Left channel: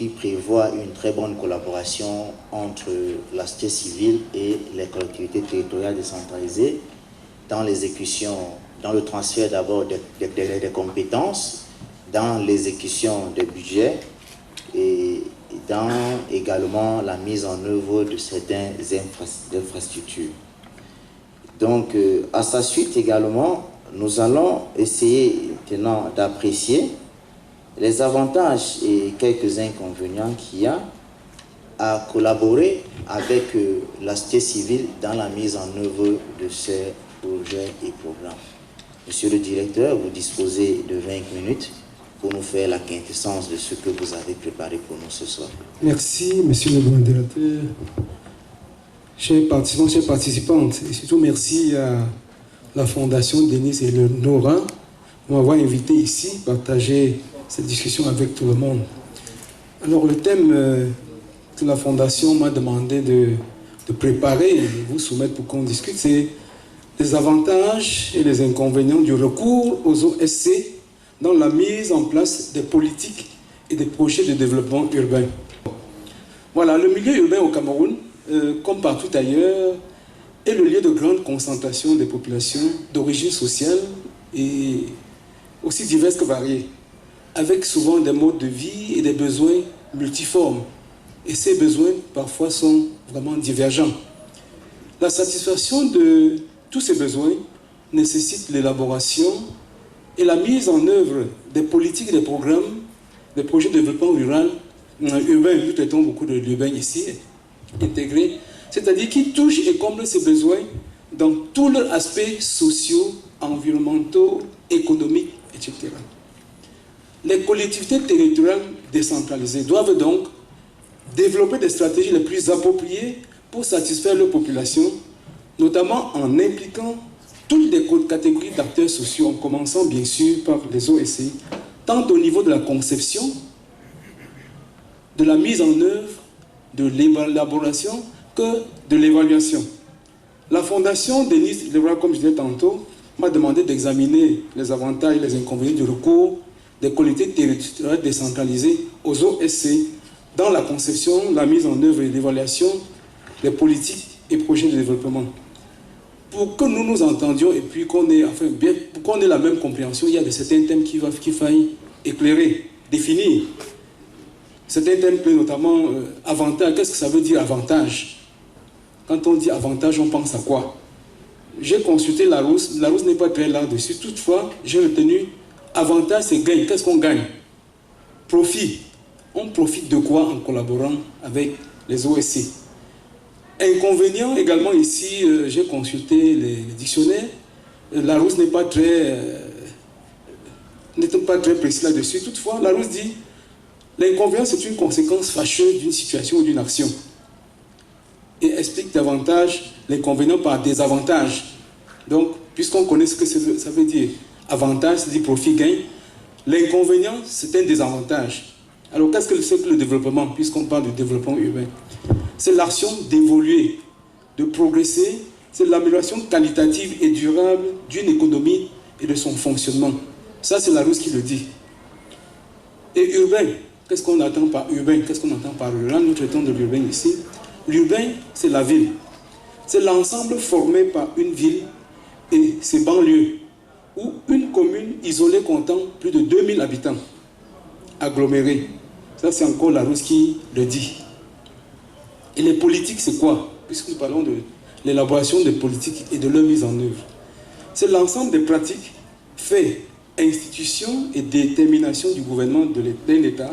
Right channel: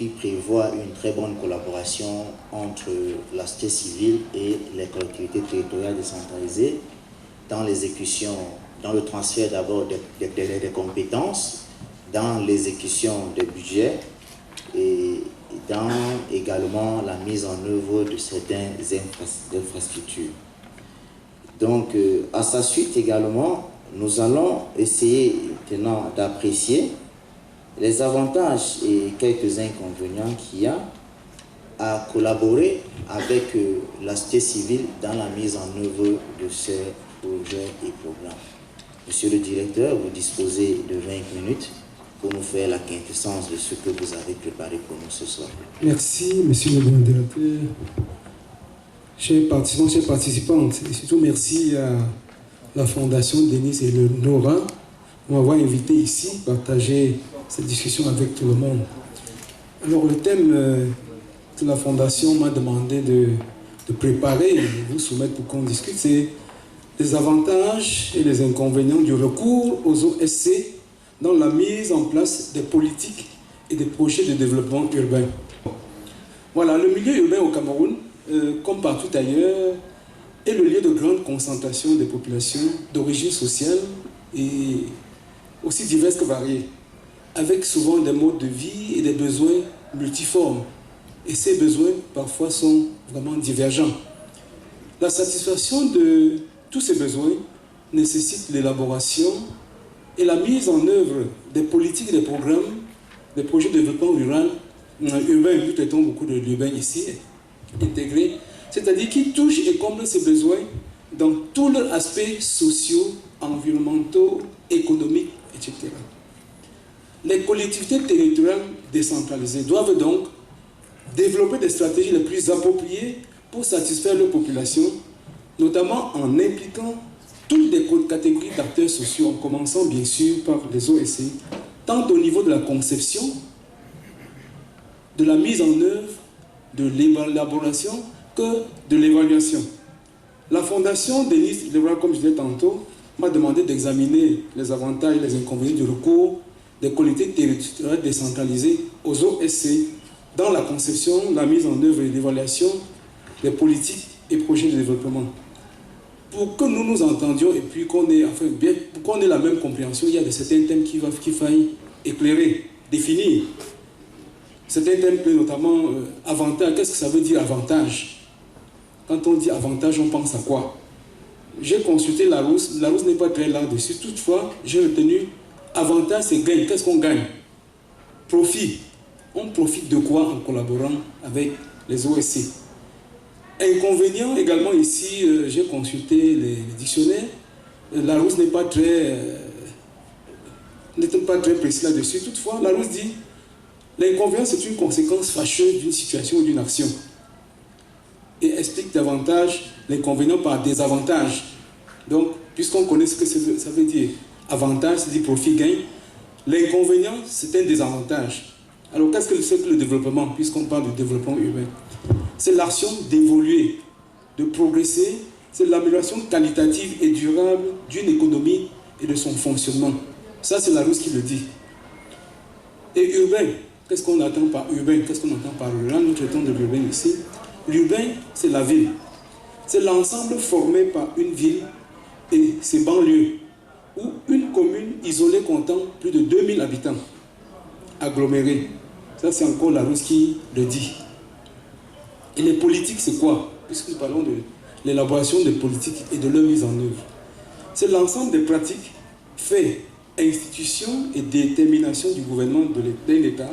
qui prévoit une très bonne collaboration entre la société civile et les collectivités territoriales décentralisées dans l'exécution, dans le transfert d'abord des compétences, dans l'exécution des budgets et dans également la mise en œuvre de certaines infrastructures. Donc, à sa suite également, nous allons essayer maintenant d'apprécier les avantages et quelques inconvénients qu'il y a à collaborer avec la société civile dans la mise en œuvre de ces projets et programmes. Monsieur le directeur, vous disposez de 20 minutes pour nous faire la quintessence de ce que vous avez préparé pour nous ce soir. Merci, monsieur le modérateur. Chers participants, chères participantes, et surtout merci à la Fondation Denis et le Nora pour m'avoir invité ici, partager cette discussion avec tout le monde. Alors le thème que la Fondation m'a demandé de préparer et vous soumettre pour qu'on discute, c'est les avantages et les inconvénients du recours aux OSC dans la mise en place des politiques et des projets de développement urbain. Voilà, le milieu urbain au Cameroun, comme partout ailleurs, est le lieu de grande concentration des populations d'origine sociale et aussi diverses que variées, avec souvent des modes de vie et des besoins multiformes. Et ces besoins, parfois, sont vraiment divergents. La satisfaction de tous ces besoins nécessite l'élaboration et la mise en œuvre des politiques et des programmes, des projets de développement urbain, nous traitons beaucoup de l'urbain ici, intégré, c'est-à-dire qui touchent et comblent ces besoins dans tous leurs aspects sociaux, environnementaux, économiques, etc. Les collectivités territoriales décentralisées doivent donc développer des stratégies les plus appropriées pour satisfaire leurs populations, notamment en impliquant toutes les catégories d'acteurs sociaux, en commençant bien sûr par les OSCI, tant au niveau de la conception, de la mise en œuvre, de l'élaboration que de l'évaluation. La Fondation Denis Leroy, comme je disais tantôt, m'a demandé d'examiner les avantages et les inconvénients du recours des collectivités territoriales décentralisées aux OSC dans la conception, la mise en œuvre et l'évaluation des politiques et projets de développement. Pour que nous nous entendions et puis qu'on ait, enfin, pour qu'on ait la même compréhension, il y a certains thèmes qu'il faille éclairer, définir. Certains thèmes, notamment avantage. Qu'est-ce que ça veut dire avantage? Quand on dit avantage, on pense à quoi? J'ai consulté Larousse. Larousse n'est pas très là-dessus. Toutefois, j'ai retenu avantage, c'est gain. Qu'est-ce qu'on gagne? Profit. On profite de quoi en collaborant avec les OSC? Inconvénient également ici, j'ai consulté les dictionnaires. Larousse n'est pas très précis là-dessus. Toutefois, Larousse dit l'inconvénient, c'est une conséquence fâcheuse d'une situation ou d'une action. Et explique davantage l'inconvénient par désavantage. Donc, puisqu'on connaît ce que ça veut dire, avantage, c'est-à-dire profit, gain, l'inconvénient, c'est un désavantage. Alors, qu'est-ce que c'est que le développement, puisqu'on parle de développement urbain? C'est l'action d'évoluer, de progresser, c'est l'amélioration qualitative et durable d'une économie et de son fonctionnement. Ça, c'est Larousse qui le dit. Et urbain, qu'est-ce qu'on entend par urbain? Qu'est-ce qu'on entend par rural? Nous traitons de l'urbain ici. L'urbain, c'est la ville. C'est l'ensemble formé par une ville et ses banlieues, ou une commune isolée comptant plus de 2000 habitants, agglomérés. Ça, c'est encore Larousse qui le dit. Et les politiques, c'est quoi? Puisque nous parlons de l'élaboration des politiques et de leur mise en œuvre. C'est l'ensemble des pratiques, faits, institutions et déterminations du gouvernement d'un État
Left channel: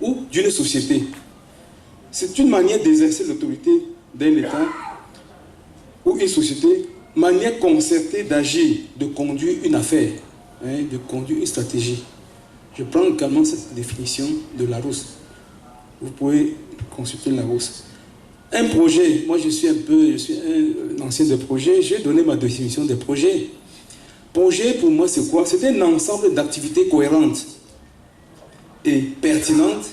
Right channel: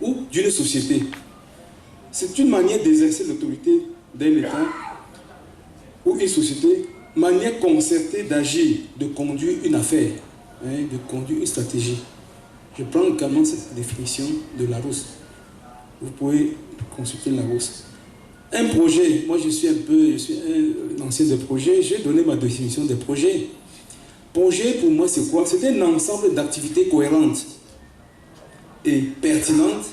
ou d'une société. C'est une manière d'exercer l'autorité d'un État ou une société, manière concertée d'agir, de conduire une affaire, de conduire une stratégie. Je prends également cette définition de Larousse. Vous pouvez consulter Larousse. Un projet, moi je suis un ancien de projet, j'ai donné ma définition des projets. Projet pour moi c'est quoi? C'est un ensemble d'activités cohérentes et pertinentes,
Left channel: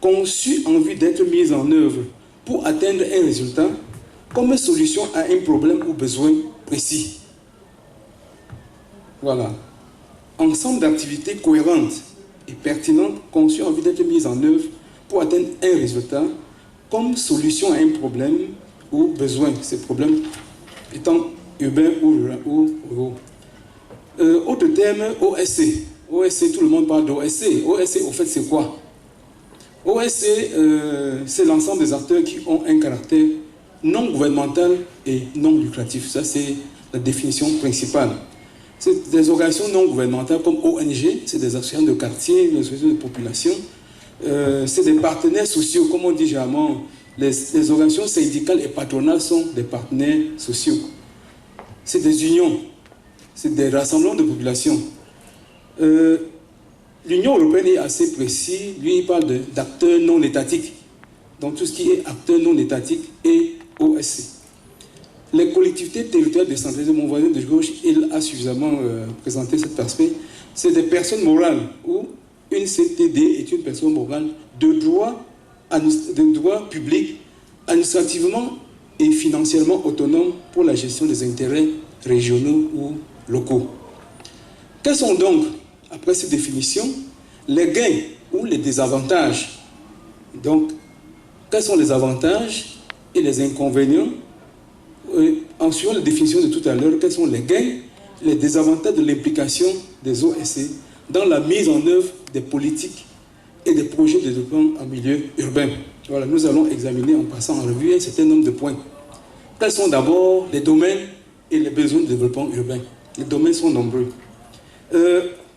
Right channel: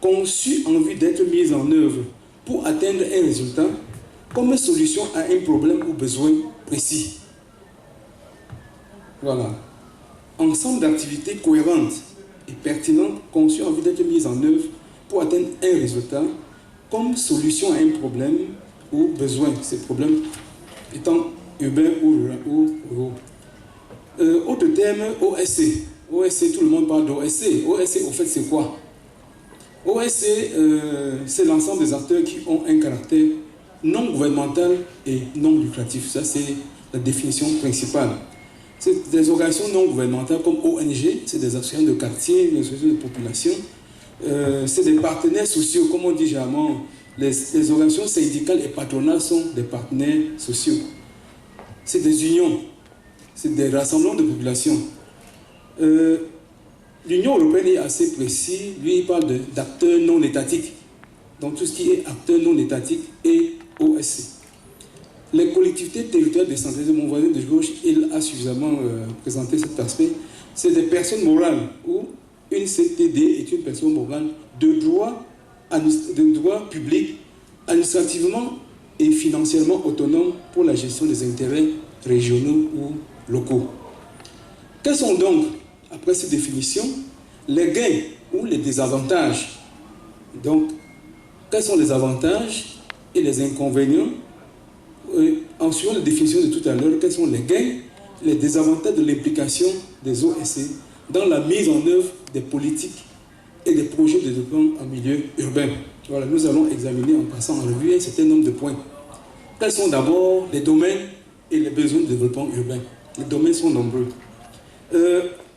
conçues en vue d'être mises en œuvre pour atteindre un résultat comme solution à un problème ou besoin précis. Voilà. Ensemble d'activités cohérentes et pertinentes, conçues en vue d'être mises en œuvre pour atteindre un résultat comme solution à un problème ou besoin, ces problèmes étant urbains ou ruraux. Autre terme, OSC. OSC, tout le monde parle d'OSC. OSC, au fait, c'est quoi? OSC, c'est l'ensemble des acteurs qui ont un caractère non gouvernemental et non lucratif. Ça, c'est la définition principale. C'est des organisations non gouvernementales comme ONG, c'est des associations de quartier, des associations de population. C'est des partenaires sociaux, comme on dit généralement. Les organisations syndicales et patronales sont des partenaires sociaux. C'est des unions, c'est des rassemblements de population. L'Union européenne est assez précis. Lui, il parle d'acteurs non étatiques. Donc tout ce qui est acteurs non étatiques et OSC. Les collectivités territoriales décentralisées, mon voisin de gauche, il a suffisamment présenté cet aspect. C'est des personnes morales où une CTD est une personne morale de droit public, administrativement et financièrement autonome pour la gestion des intérêts régionaux ou locaux. Quels sont donc, après cette définition, les gains ou les désavantages? Donc, quels sont les avantages et les inconvénients? En suivant la définition de tout à l'heure, quels sont les gains, les désavantages de l'implication des OSC dans la mise en œuvre des politiques et des projets de développement en milieu urbain? Voilà, nous allons examiner en passant en revue un certain nombre de points. Quels sont d'abord les domaines et les besoins de développement urbain? Les domaines sont nombreux.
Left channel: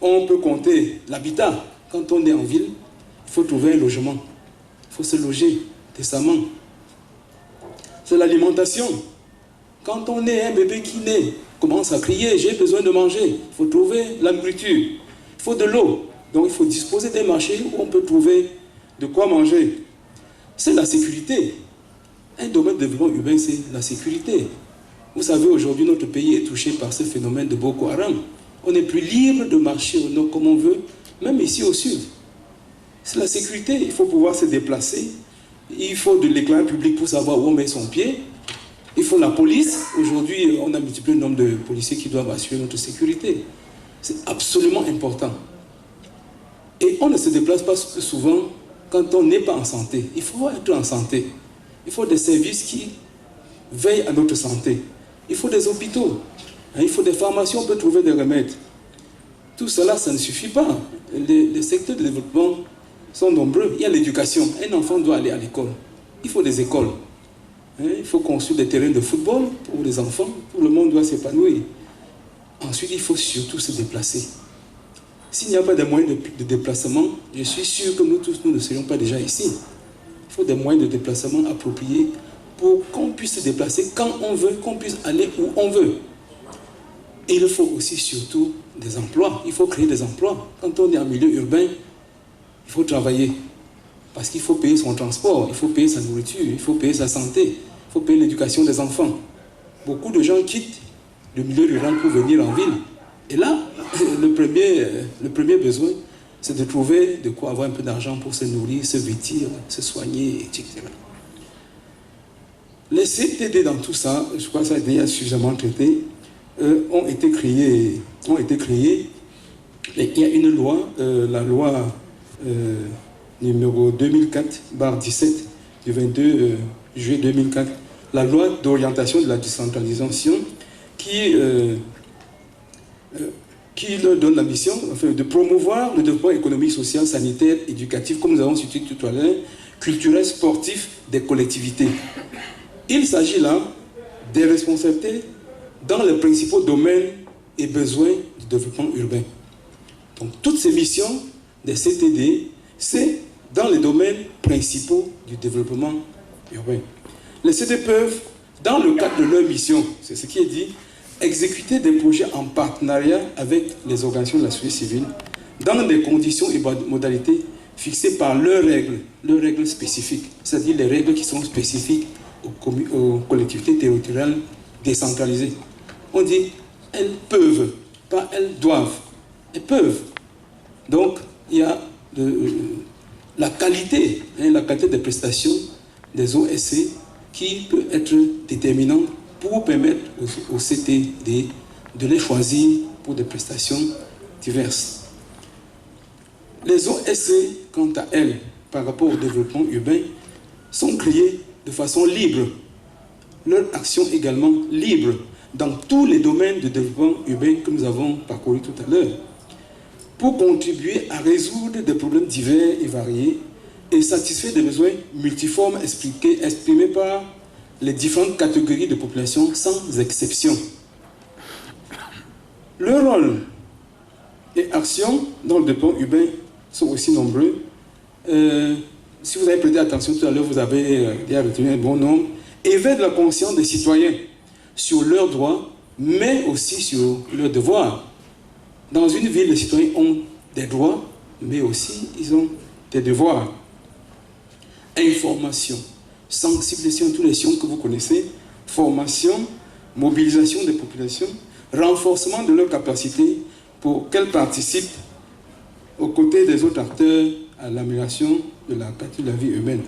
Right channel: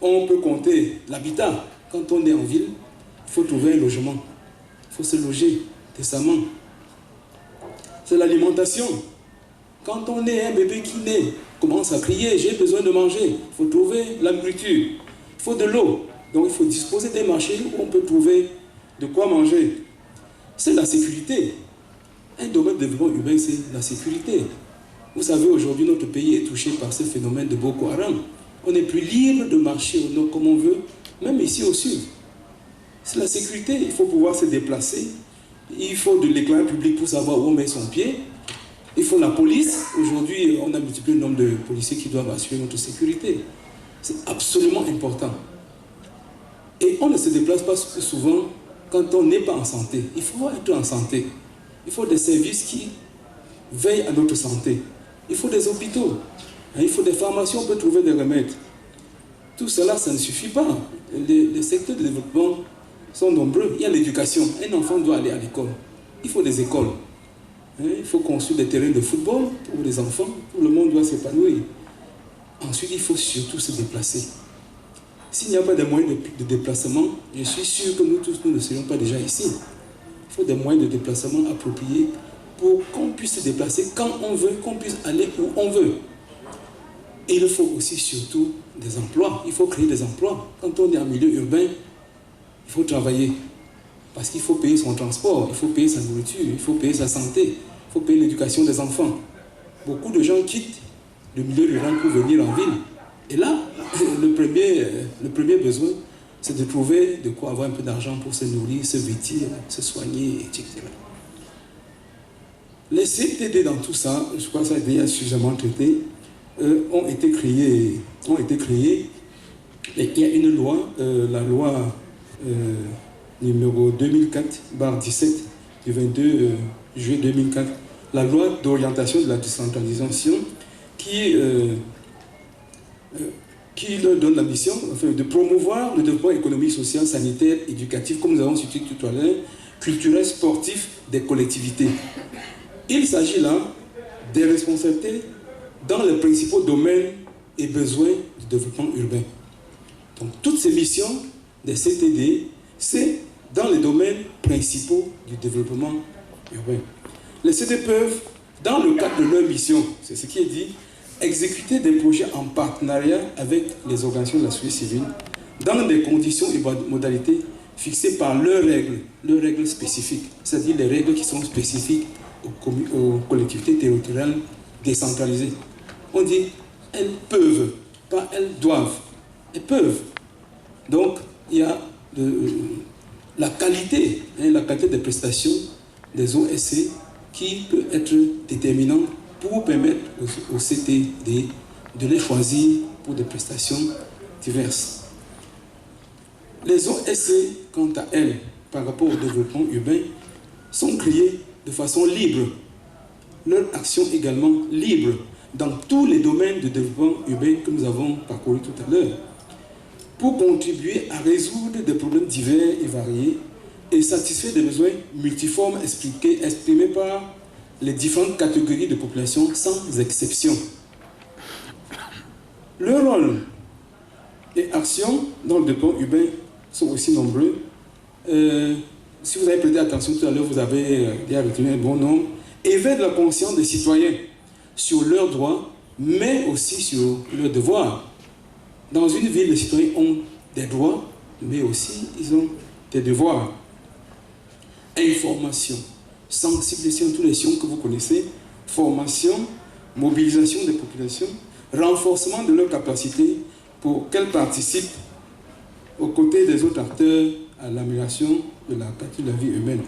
On peut compter l'habitat. Quand on est en ville, il faut trouver un logement. Il faut se loger décemment. C'est l'alimentation. Quand on est un bébé qui naît, commence à crier, j'ai besoin de manger. Il faut trouver la nourriture. Il faut de l'eau. Donc il faut disposer des marchés où on peut trouver de quoi manger. C'est la sécurité. Un domaine de développement urbain, c'est la sécurité. Vous savez, aujourd'hui, notre pays est touché par ce phénomène de Boko Haram. On n'est plus libre de marcher au nord comme on veut, même ici au sud. C'est la sécurité. Il faut pouvoir se déplacer. Il faut de l'éclairage public pour savoir où on met son pied. Il faut la police. Aujourd'hui, on a multiplié le nombre de policiers qui doivent assurer notre sécurité. C'est absolument important. Et on ne se déplace pas souvent quand on n'est pas en santé. Il faut être en santé. Il faut des services qui veillent à notre santé. Il faut des hôpitaux. Il faut des pharmacies, on peut trouver des remèdes. Tout cela, ça ne suffit pas. Les secteurs de développement sont nombreux. Il y a l'éducation. Un enfant doit aller à l'école. Il faut des écoles. Il faut construire des terrains de football pour les enfants. Tout le monde doit s'épanouir. Ensuite, il faut surtout se déplacer. S'il n'y a pas de moyens de déplacement, je suis sûr que nous tous, nous ne serions pas déjà ici. Il faut des moyens de déplacement appropriés pour qu'on puisse se déplacer quand on veut, qu'on puisse aller où on veut. Et il faut aussi surtout des emplois. Il faut créer des emplois. Quand on est en milieu urbain, il faut travailler. Parce qu'il faut payer son transport, il faut payer sa nourriture, il faut payer sa santé, il faut payer l'éducation des enfants. Beaucoup de gens quittent le milieu rural pour venir en ville. Et là, le premier besoin, c'est de trouver de quoi avoir un peu d'argent pour se nourrir, se vêtir, se soigner, etc. Les CTD dans tout ça, je crois que ça a été suffisamment traité, ont été créés. Et il y a une loi, la loi numéro 2004/17 du 22 juillet 2004, la loi d'orientation de la décentralisation qui leur donne la mission de promouvoir le développement économique, social, sanitaire, éducatif, comme nous avons cité tout à l'heure, culturel, sportif des collectivités. Il s'agit là des responsabilités dans les principaux domaines et besoins du développement urbain. Donc toutes ces missions des CTD, c'est dans les domaines principaux du développement urbain. Les CTD peuvent, dans le cadre de leur mission, c'est ce qui est dit, exécuter des projets en partenariat avec les organisations de la société civile dans des conditions et modalités fixées par leurs règles spécifiques, c'est-à-dire les règles qui sont spécifiques aux collectivités territoriales décentralisées. On dit elles peuvent, pas elles doivent, elles peuvent. Donc il y a la qualité des prestations des OSC qui peut être déterminante pour permettre aux CTD de les choisir pour des prestations diverses. Les OSC, quant à elles, par rapport au développement urbain sont créées de façon libre. Leur action également libre dans tous les domaines de développement urbain que nous avons parcourus tout à l'heure, pour contribuer à résoudre des problèmes divers et variés et satisfaire des besoins multiformes exprimés par les différentes catégories de population sans exception. Leur rôle et actions dans le développement urbain sont aussi nombreux. Si vous avez prêté attention tout à l'heure, vous avez bien retenu un bon nombre. Éveiller la conscience des citoyens sur leurs droits, mais aussi sur leurs devoirs. Dans une ville, les citoyens ont des droits, mais aussi ils ont des devoirs. Information, sensibilisation, tous les champs que vous connaissez, formation, mobilisation des populations, renforcement de leurs capacités pour qu'elles participent aux côtés des autres acteurs à l'amélioration de la qualité de la vie humaine.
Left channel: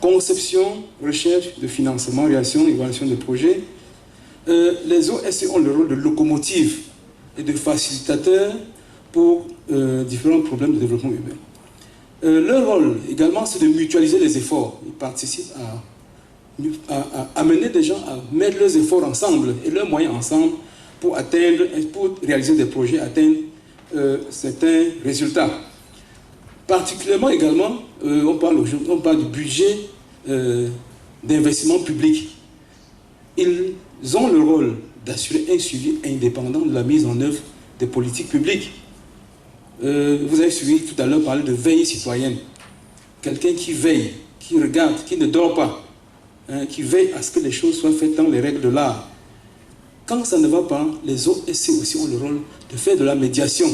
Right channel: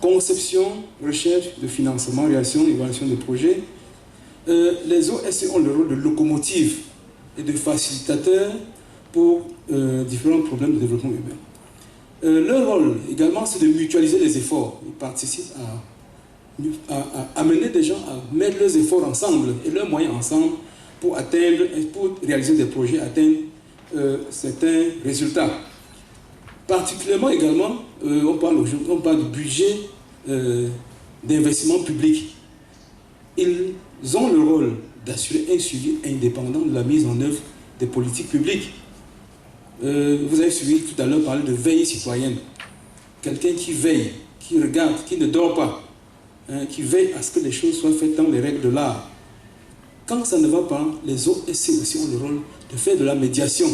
Conception, recherche de financement, réaction, évaluation de projets. Les OSC ont le rôle de locomotive et de facilitateur pour différents problèmes de développement humain. Leur rôle également, c'est de mutualiser les efforts. Ils participent à amener des gens à mettre leurs efforts ensemble et leurs moyens ensemble pour atteindre, pour réaliser des projets, atteindre certains résultats. Particulièrement également, on parle du budget d'investissement public. Ils ont le rôle d'assurer un suivi indépendant de la mise en œuvre des politiques publiques. Vous avez suivi tout à l'heure parler de veille citoyenne. Quelqu'un qui veille, qui regarde, qui ne dort pas, qui veille à ce que les choses soient faites dans les règles de l'art. Quand ça ne va pas, les OSC aussi ont le rôle de faire de la médiation.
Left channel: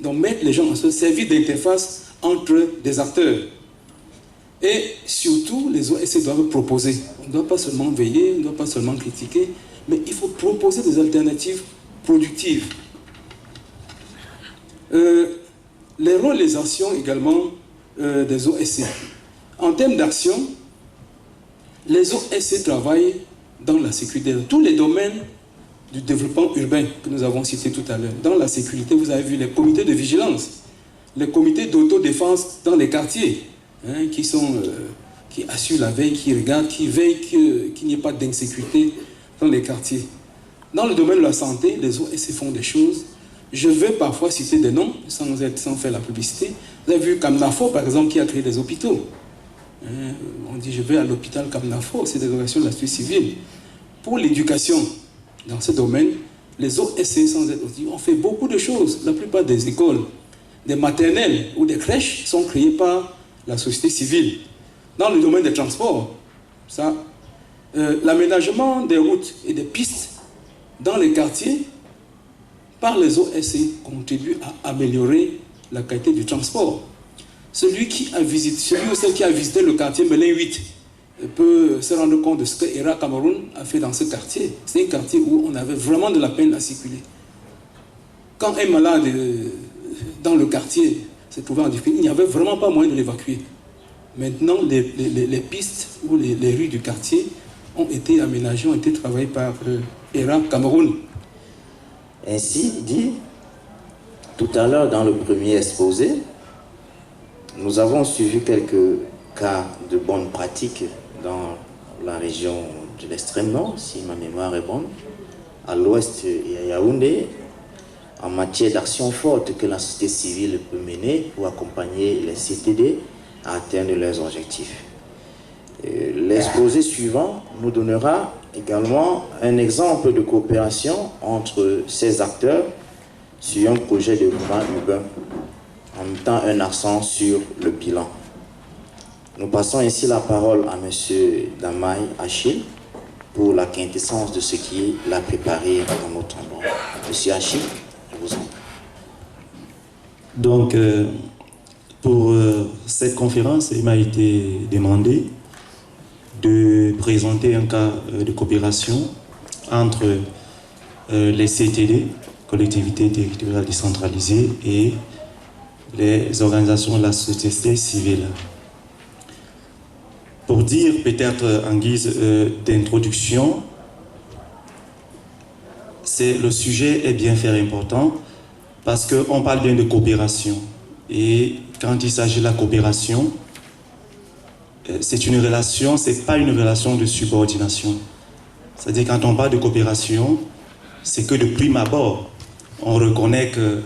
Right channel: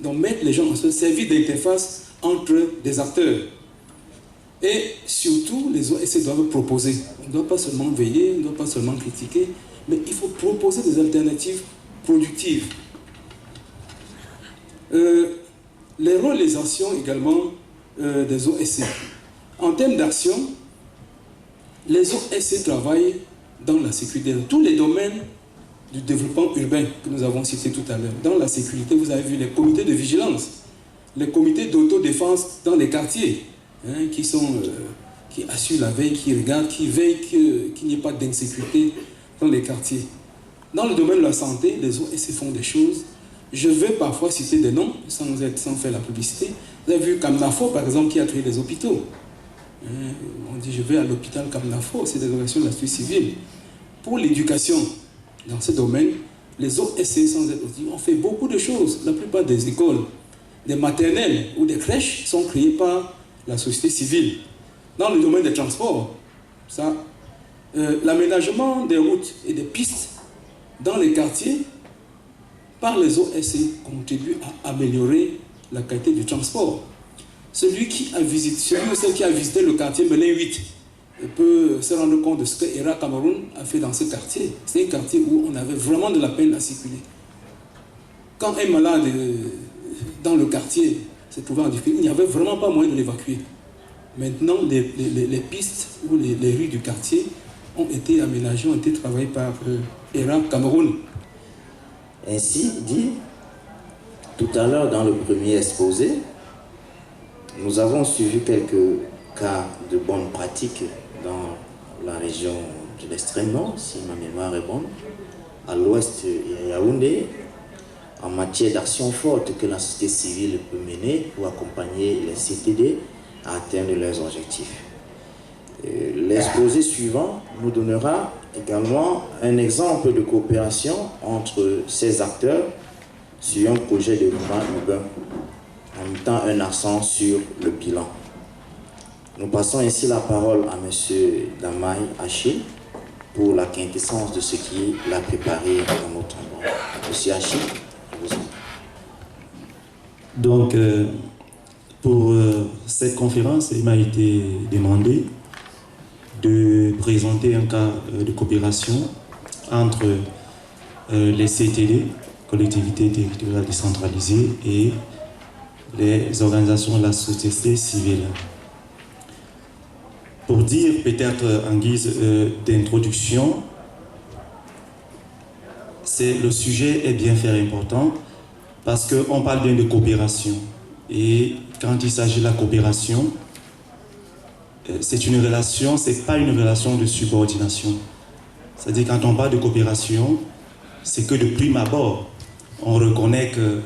Donc mettre les gens en se servir d'interface entre des acteurs. Et surtout, les OSC doivent proposer. On ne doit pas seulement veiller, on ne doit pas seulement critiquer, mais il faut proposer des alternatives productives. Les rôles et les actions également des OSC. En termes d'action, les OSC travaillent dans la sécurité, dans tous les domaines du développement urbain que nous avons cité tout à l'heure. Dans la sécurité, vous avez vu les comités de vigilance, les comités d'autodéfense dans les quartiers, qui assurent la veille, qui regardent, qui veillent qu'il n'y ait pas d'insécurité dans les quartiers. Dans le domaine de la santé, les OSC font des choses. Je vais parfois citer des noms, sans faire la publicité. Vous avez vu Kamnafo, par exemple, qui a créé des hôpitaux. On dit, je vais à l'hôpital Kamnafo, c'est des organisations de la société civile. Pour l'éducation, dans ce domaine, les OSC, sans être aussi, ont fait beaucoup de choses. La plupart des écoles, des maternelles ou des crèches sont créées par la société civile. Dans le domaine des transports, l'aménagement des routes et des pistes dans les quartiers, par les OSC, contribue à améliorer la qualité du transport. Celui qui a visité le quartier Melun 8 peut se rendre compte de ce que ERA Cameroun a fait dans ce quartier. C'est un quartier où on avait vraiment de la peine à circuler. Quand un malade dans le quartier se trouvait en difficulté, il n'y avait vraiment pas moyen de l'évacuer. Maintenant, les pistes ou les rues du quartier ont été aménagées, ont été travaillées par ERA Cameroun. Ainsi dit, tout à l'heure dans le premier exposé, nous avons suivi quelques cas de bonnes pratiques dans la région de l'extrême nord, si ma mémoire est bonne, à l'ouest et à Yaoundé, en matière d'action forte que la société civile peut mener pour accompagner les CTD à atteindre leurs objectifs. L'exposé suivant nous donnera également un exemple de coopération entre ces acteurs sur un projet de développement urbain, en mettant un accent sur le bilan. Nous passons ainsi la parole à M. Damaï Achille pour la quintessence de ce qu'il a préparé dans notre endroit. M. Achille, je vous en prie. Donc, pour cette conférence, il m'a été demandé de présenter un cas de coopération entre les CTD, collectivités territoriales décentralisées, et les organisations de la société civile. Pour dire peut-être en guise d'introduction, le sujet est bien fait important parce qu'on parle bien de coopération. Et quand il s'agit de la coopération, c'est une relation, c'est pas une relation de subordination. C'est-à-dire quand on parle de coopération, c'est que de prime abord, on reconnaît que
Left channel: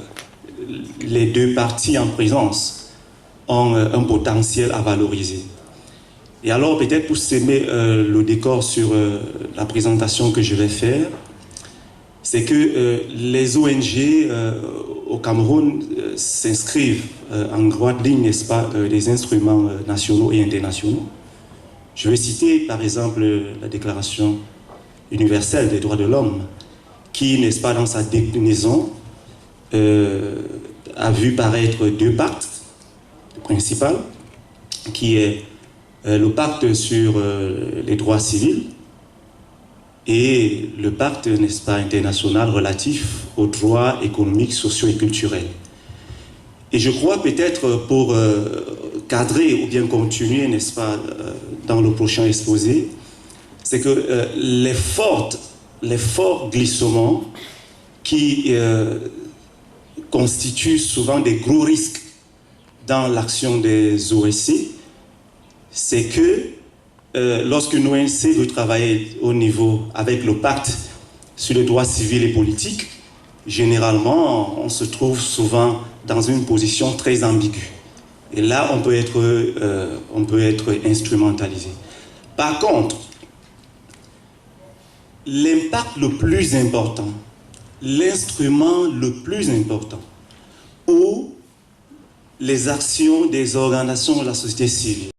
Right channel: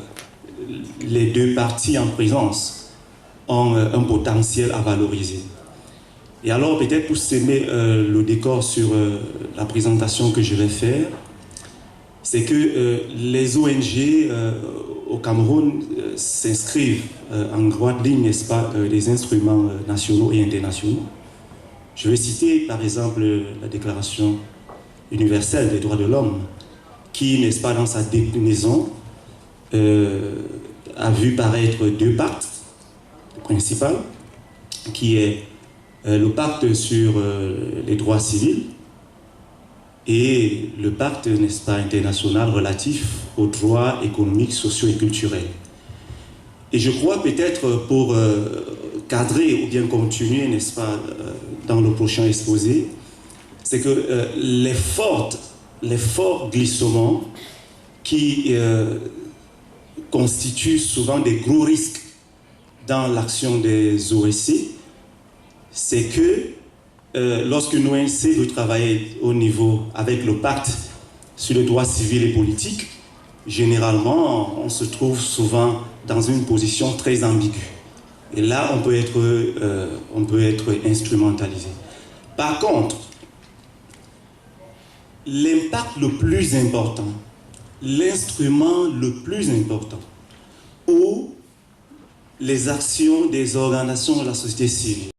les deux parties en présence ont un potentiel à valoriser. Et alors peut-être pour semer le décor sur la présentation que je vais faire, c'est que les ONG au Cameroun s'inscrivent en droite ligne, n'est-ce pas, des instruments nationaux et internationaux. Je vais citer par exemple la Déclaration universelle des droits de l'homme, qui, n'est-ce pas, dans sa déclinaison, a vu paraître deux pactes principaux, qui est le pacte sur les droits civils et le pacte, n'est-ce pas, international relatif aux droits économiques, sociaux et culturels. Et je crois peut-être pour cadrer ou bien continuer, n'est-ce pas, dans le prochain exposé, c'est que les forts glissements qui constituent souvent des gros risques dans l'action des OSC, c'est que lorsque l'ONC veut travailler au niveau avec le pacte sur les droits civils et politiques, généralement, on se trouve souvent dans une position très ambiguë. Et là, on peut être instrumentalisé. Par contre, l'impact le plus important, l'instrument le plus important, ou les actions des organisations de la société civile